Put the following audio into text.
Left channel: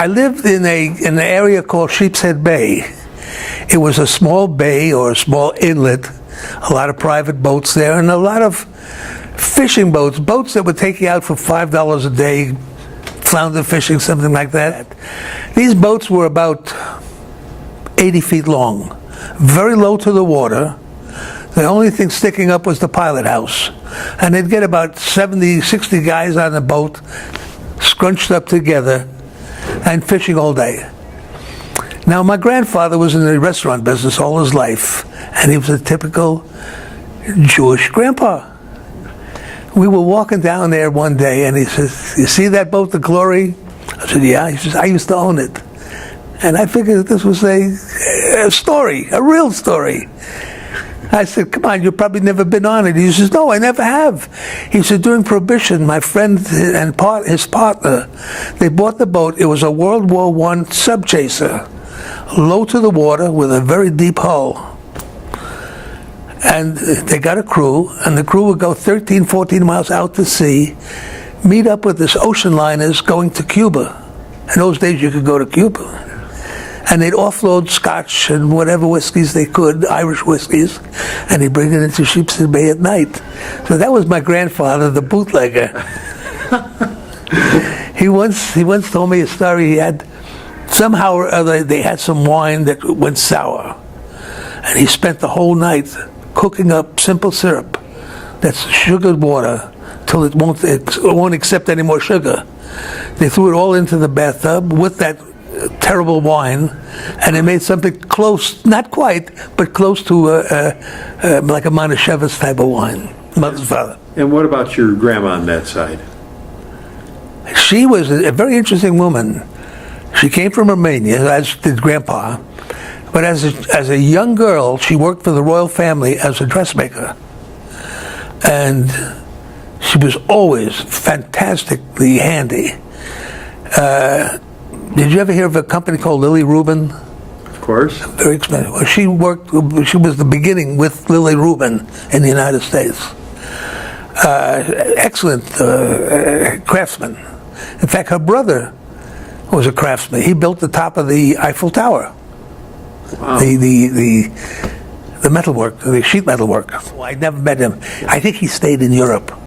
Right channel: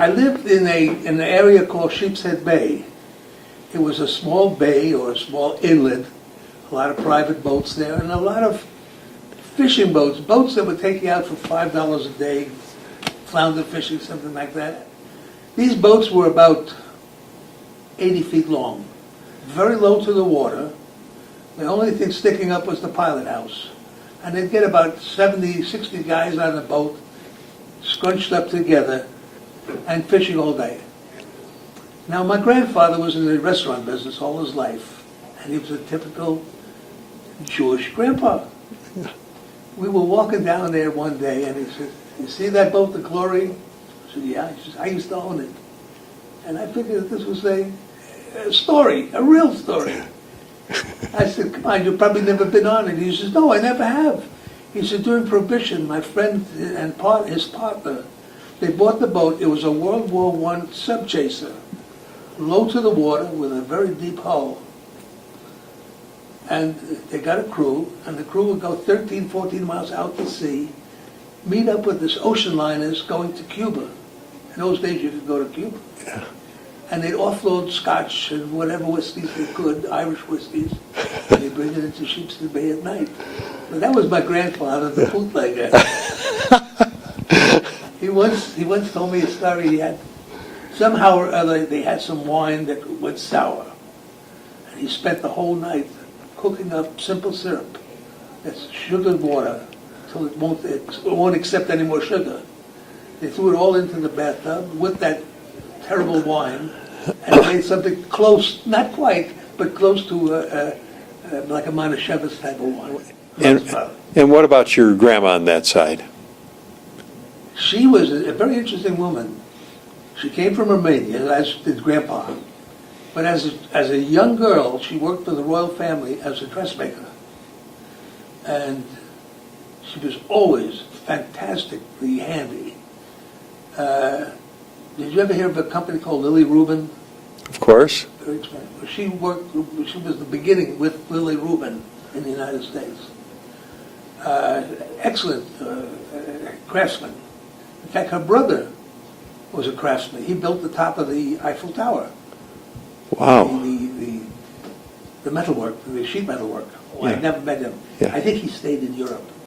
I lived in an area called Sheepshead Bay. It was a small bay or a small inlet, a lot of private boats there, and a lot of fishing boats that would take you out for $5 a day, flounder fishing, something like that. These boats were about 80 feet long, very low to the water. The only thing sticking up was the pilot house. And they'd get about 70, 60 guys on the boat, scrunched up together, and fishing all day. Now, my grandfather was in the restaurant business all his life, and he was a typical Jewish grandpa. We were walking down there one day, and he says, "You see that boat, the Glory?" I said, "Yeah." He says, "I used to own it." And I figured that this was a story, a real story. I said, "Come on, you've probably never been on it." He says, "No, I never have." He said, "During Prohibition, my friend and his partner, they bought the boat. It was a World War I subchaser, low to the water with a very deep hull. And they got a crew, and the crew would go 13, 14 miles out to sea, meet up with this ocean liners going to Cuba. In those days, you could go to Cuba. And they'd offload scotch and whatever whiskeys they could, Irish whiskeys, and they'd bring it into Sheepshead Bay at night. So that was my grandfather, the bootlegger. He once told me a story. He had, somehow or other, they had some wine that went sour. And he spent the whole night cooking up simple syrup, that's sugared water, till it won't accept any more sugar. They threw it all into the bathtub with that terrible wine, and they made something close, not quite, but close to like a Manischewitz type of wine. And what about your grandma on that side? She was a very interesting woman. She came from Romania, as did Grandpa. But as a young girl, she worked for the royal family as a dressmaker. And she was always fantastically handy. Did you ever hear of a company called Lily Rubin? Of course. Very expensive. Well, she was the beginning with Lily Rubin in the United States. Excellent craftsman. In fact, her brother was a craftsman. He built the top of the Eiffel Tower. Wow. The metalwork, the sheet metal work. I never met him. I think he stayed in Europe.